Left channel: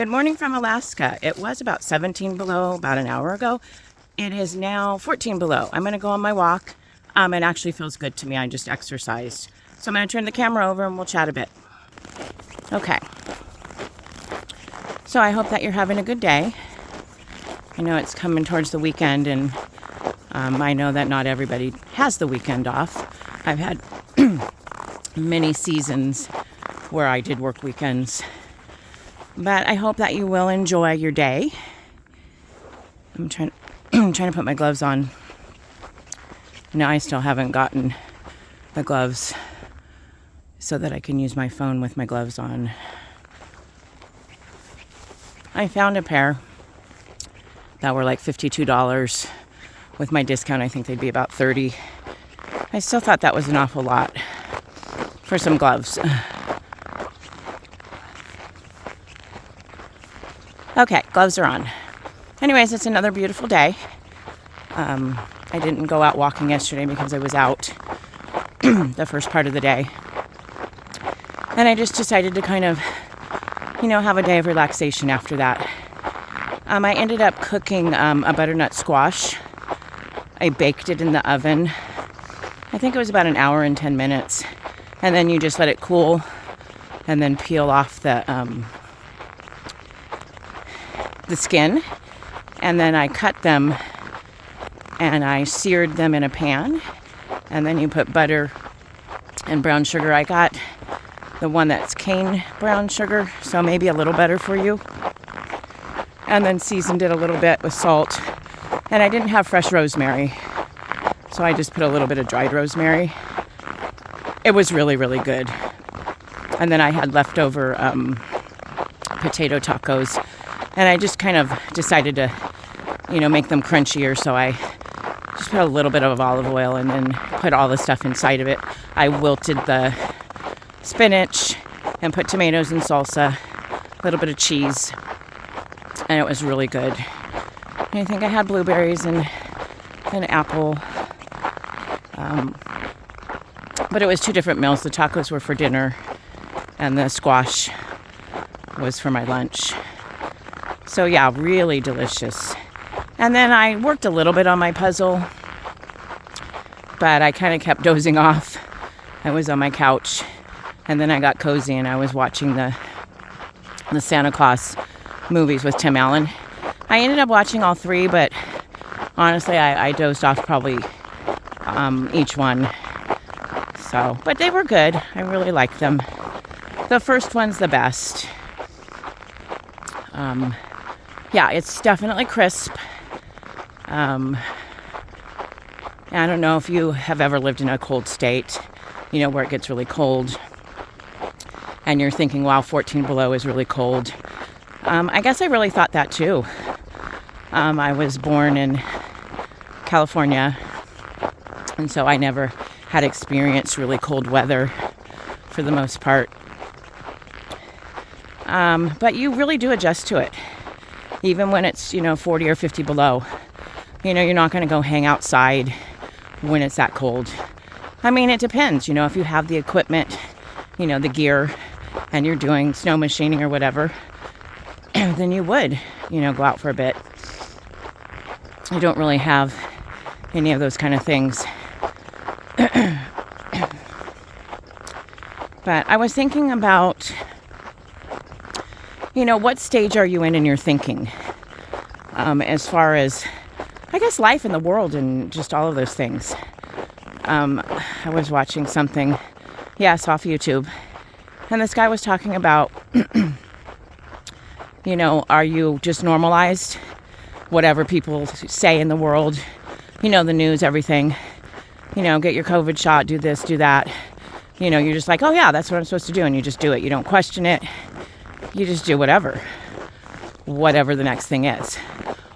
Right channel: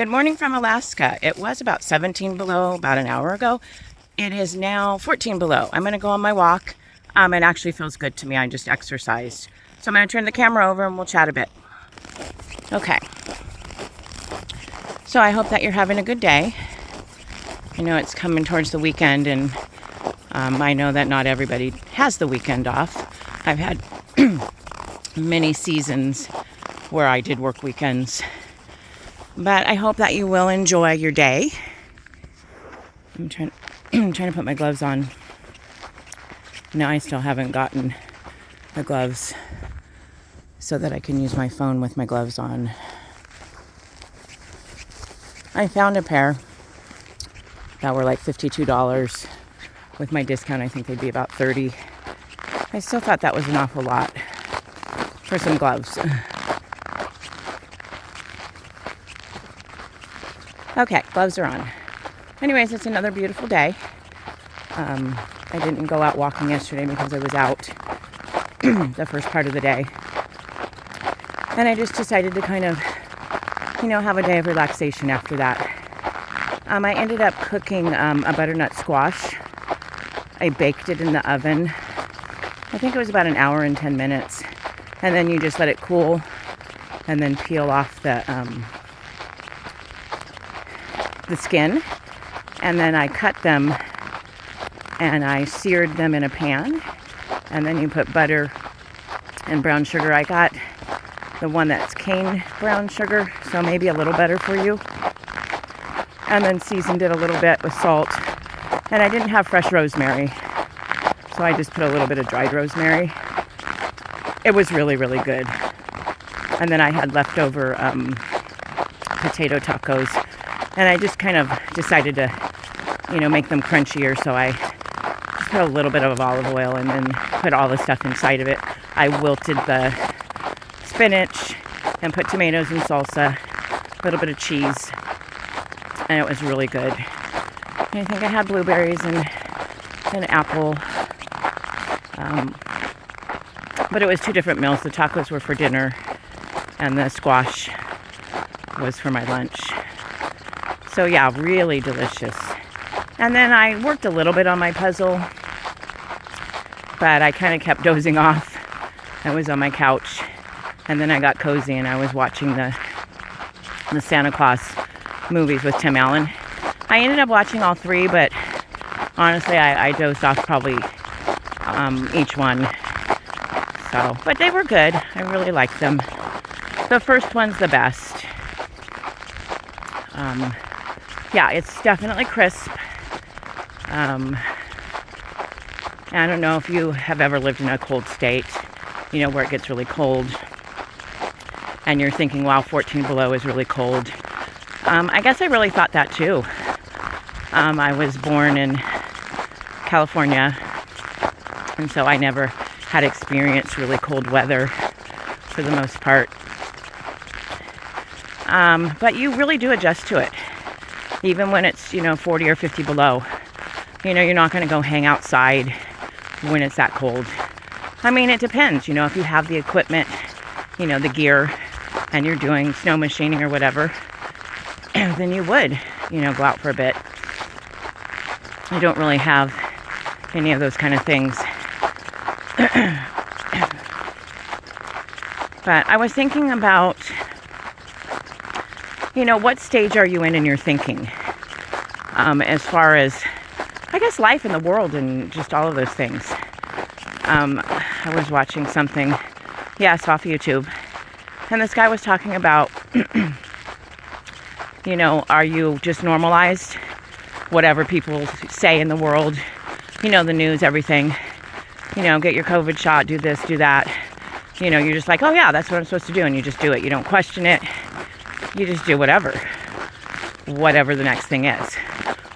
Good morning from Alaska. It was about 17 below about an hour ago. It is now 14 below. I'm going to go on my walk. It actually feels good to me. I just exercised. So I'm going to turn the camera over and we'll chat a bit. Okay. So I hope that you're having a good day. I know it's coming towards the weekend, and I know that not everybody has the weekend off. I've had many seasons where I did work weekends. But I hope that you will enjoy your day. I'm trying to put my gloves on. No, I still haven't gotten the gloves so that I can use my phone with my gloves on. I found a pair that were like $52. With my discount, I think they'd be about $30. I still thought that was an awful lot for some gloves. Okay, gloves are on. Anyways, it's another beautiful day. I didn't go out walking yesterday because I was out the first part of the day. And I just decided to kind of, have a day of relaxation after that. I ended up cooking a butternut squash. I baked it in the oven. I think it was about an hour and 10 minutes. And then you just let it cool and then peel off the skin. And then I cut them and I seared them in a pan. And then you put butter and brown sugar. I got the one that's cane brown sugar, so maybe a little better for you. And then seasoned it a little bit with salt. And I didn't have fresh rosemary, so I just put a little bit of dried rosemary. It was really, really good. And then I had leftover potato tacos. And I just kind of decided to, make them crunchier. So I just put a little bit of olive oil and then put all the stuff inside of it. I wilted the spinach and put tomatoes and salsa, a little bit of cheese. And it was really good. And I think I had blueberries and an apple. But it was two different meals. The tacos were for dinner and the squash was for my lunch. So yeah, really delicious. And then I worked a little bit on my puzzle, but I kind of kept dozing off. I was on my couch, and then I got cozy and I was watching the Santa Claus movies with Tim Allen. I ended up watching all three, but honestly, I dozed off probably each one. So, but they were good. I really liked them. The first one's the best. Yeah, it's definitely crisp. I don't know if you have ever lived in a cold state, where it gets really cold. And you're thinking, wow, 14 below is really cold. I guess I really thought that too. I was born in California, and so I never had experienced really cold weather for the most part. But you really do adjust to it. Even when it's, 40 or 50 below. You're not going to go hang outside when it's that cold. I mean, it depends. If you have the equipment, the gear, and you're doing snow machining or whatever, then you would, go out for a bit. I don't really have any of those kind of things. But I was thinking about, what stage are you in your thinking? As far as, I guess, life in the world and just all of those things. I was watching something, it's off YouTube. And this guy was talking about, are you just normalized? Whatever people say in the world, the news, everything. Get your COVID shot, do this, do that. You're just like, oh yeah, that's what I'm supposed to do. And you just do it. You don't question it. You just do whatever the next thing is.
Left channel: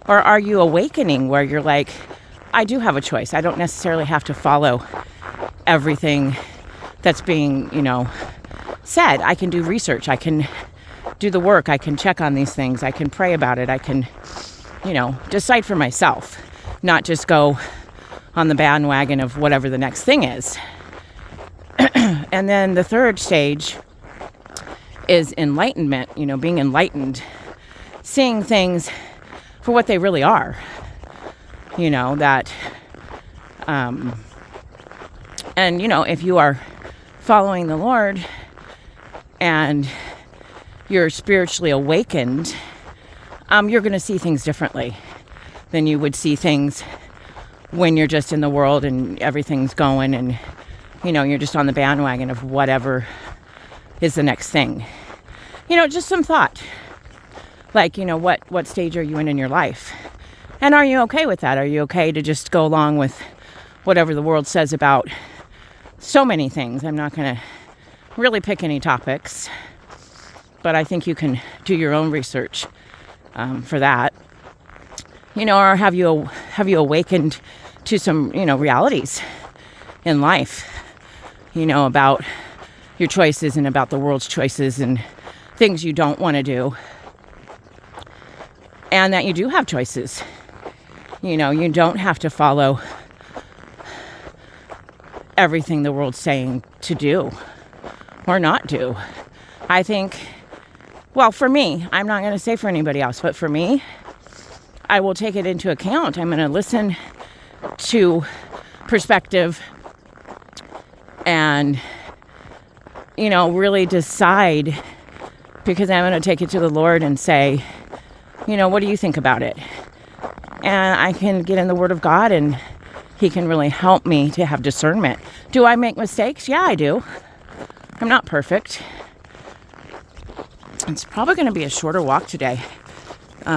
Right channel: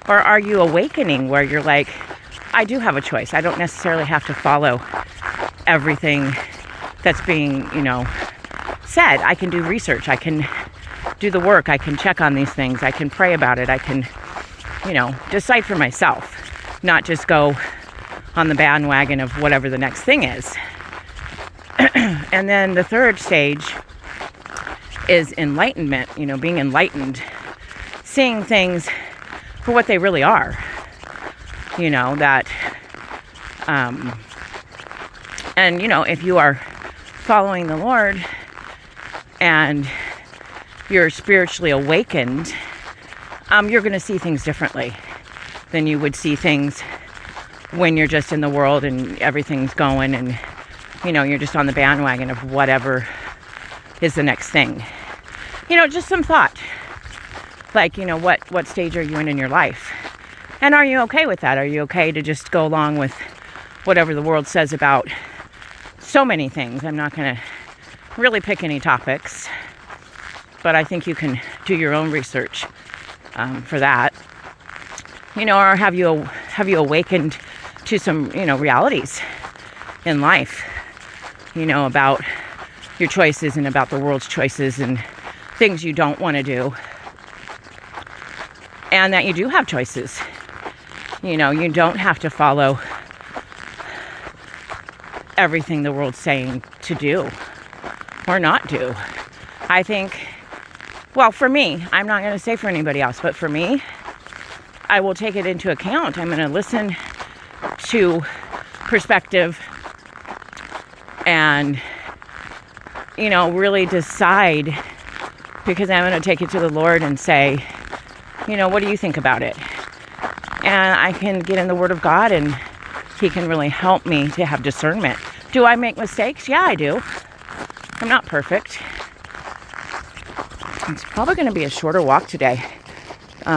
Or are you awakening where you're like, I do have a choice. I don't necessarily have to follow everything that's being, said. I can do research. I can do the work. I can check on these things. I can pray about it. I can, decide for myself, not just go on the bandwagon of whatever the next thing is. And then the third stage is enlightenment, being enlightened seeing things for what they really are. You know, that, and, you know, if you are following the Lord and you're spiritually awakened, you're going to see things differently than you would see things when you're just in the world and everything's going and, you know, you're just on the bandwagon of whatever is the next thing. You know, just some thought. Like, you know, what stage are you in your life? And are you okay with that? Are you okay to just go along with whatever the world says about so many things? I'm not going to really pick any topics, but I think you can do your own research for that. You know, or have you awakened to some, you know, realities in life, you know, about your choices and about the world's choices and things you don't want to do, and that you do have choices. You know, you don't have to follow everything the world's saying to do or not do. I think, well, for me, I'm not going to say for anybody else, but for me, I will take it into account. I'm going to listen to perspective and, you know, really decide, because I'm going to take it to the Lord and say, you know, what do you think about it? And I can get in the Word of God and He can really help me to have discernment. Do I make mistakes? Yeah, I do. I'm not perfect. It's probably going to be a shorter walk today.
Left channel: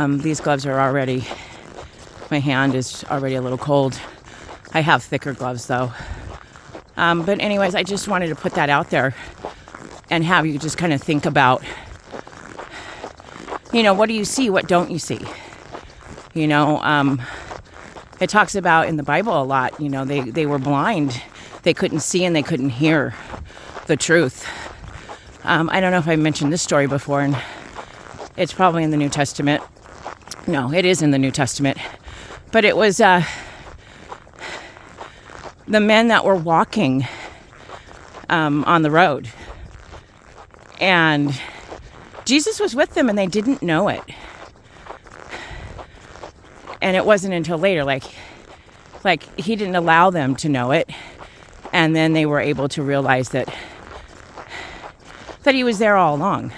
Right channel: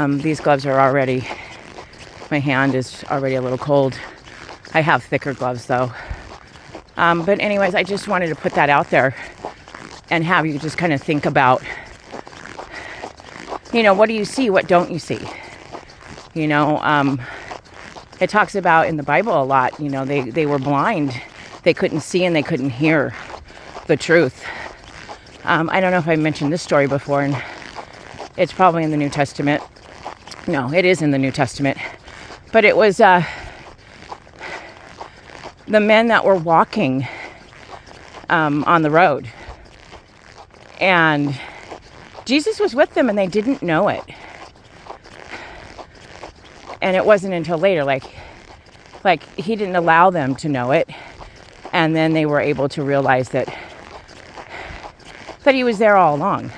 These gloves are already, my hand is already a little cold. I have thicker gloves though. But anyways, I just wanted to put that out there and have you just kind of think about, you know, what do you see? What don't you see? You know, it talks about in the Bible a lot, you know, they were blind. They couldn't see and they couldn't hear the truth. I don't know if I mentioned this story before, and it's probably in the New Testament. No, it is in the New Testament. But it was the men that were walking on the road. And Jesus was with them and they didn't know it. And it wasn't until later, like He didn't allow them to know it. And then they were able to realize that He was there all along.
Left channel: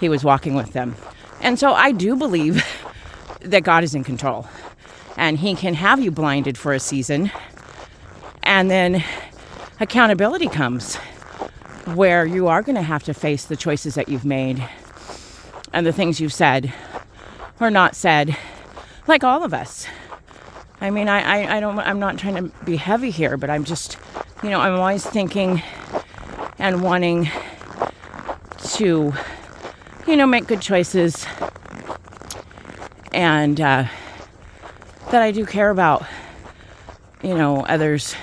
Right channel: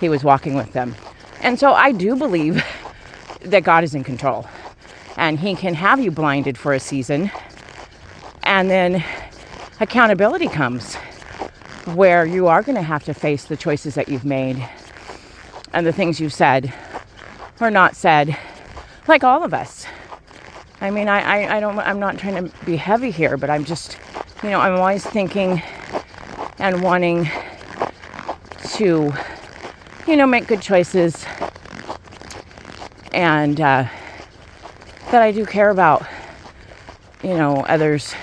He was walking with them. And so I do believe that God is in control. And He can have you blinded for a season. And then accountability comes, where you are going to have to face the choices that you've made and the things you've said or not said, like all of us. I mean, I'm not trying to be heavy here, but I'm just, you know, I'm always thinking and wanting to, you know, make good choices, and that I do care about, you know, others,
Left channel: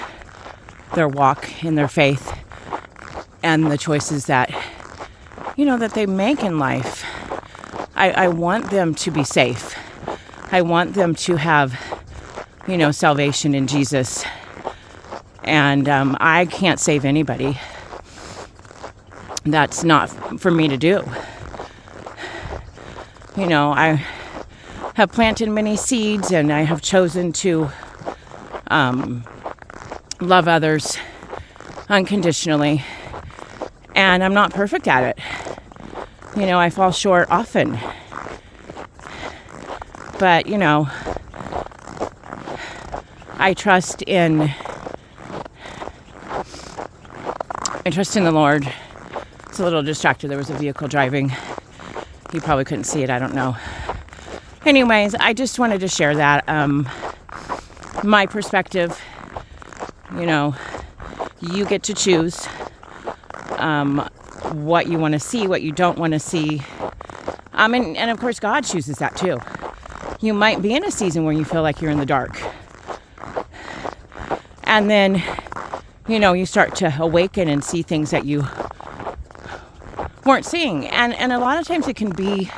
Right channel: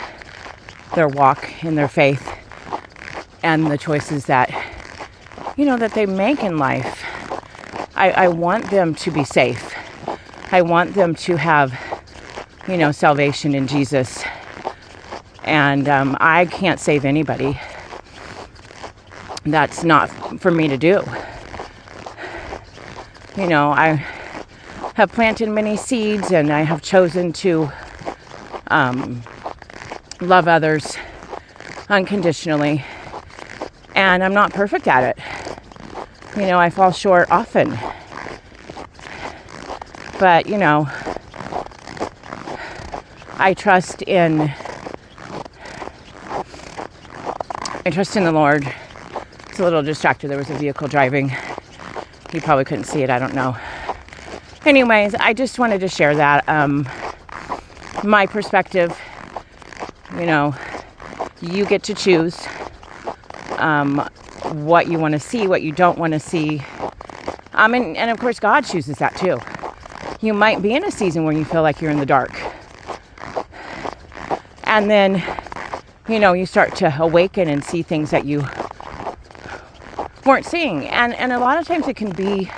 their walk in their faith, and the choices that, you know, that they make in life. I want them to be safe. I want them to have, you know, salvation in Jesus. And I can't save anybody. That's not for me to do. You know, I have planted many seeds and I have chosen to love others unconditionally. And I'm not perfect at it. You know, I fall short often. But, you know, I trust in the Lord. It's a little distracted. There was a vehicle driving. You probably couldn't see it. I don't know. Anyways, I just wanted to share that. My perspective, you know, you get to choose what you want to see, what you don't want to see. And of course, God chooses that too. You might be in a season where you feel like you're in the dark. And then, you know, you start to awaken and see things that you weren't seeing. And a lot of times it can be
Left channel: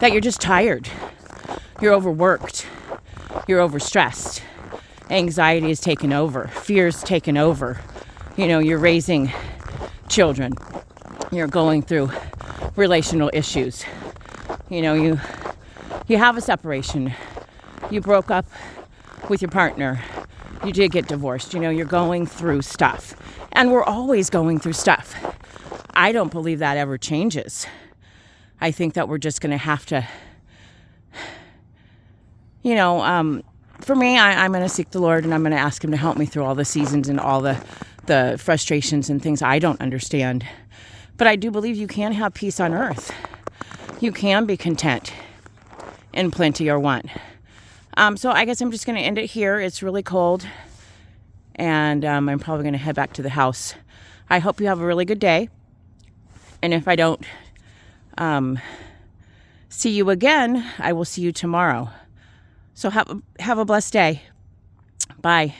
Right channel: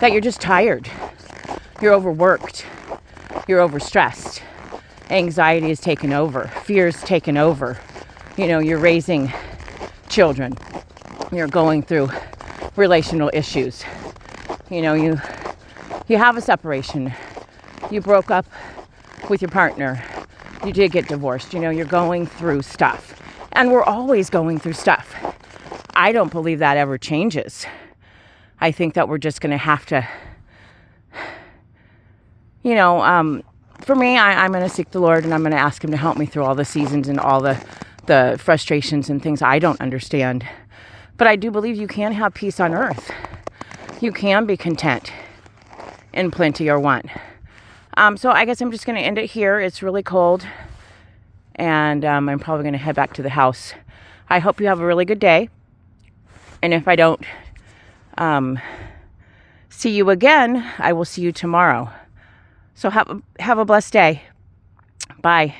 that you're just tired. You're overworked. You're overstressed. Anxiety is taken over. Fear's taken over. You know, you're raising children. You're going through relational issues. You know, you have a separation. You broke up with your partner. You did get divorced. You know, you're going through stuff. And we're always going through stuff. I don't believe that ever changes. I think that we're just going to have to, you know, for me, I'm going to seek the Lord and I'm going to ask him to help me through all the seasons and all the frustrations and things I don't understand. But I do believe you can have peace on earth. You can be content in plenty or want. So I guess I'm just going to end it here. It's really cold. And I'm probably going to head back to the house. I hope you have a really good day. And if I don't see you again, I will see you tomorrow. So have a blessed day. Bye.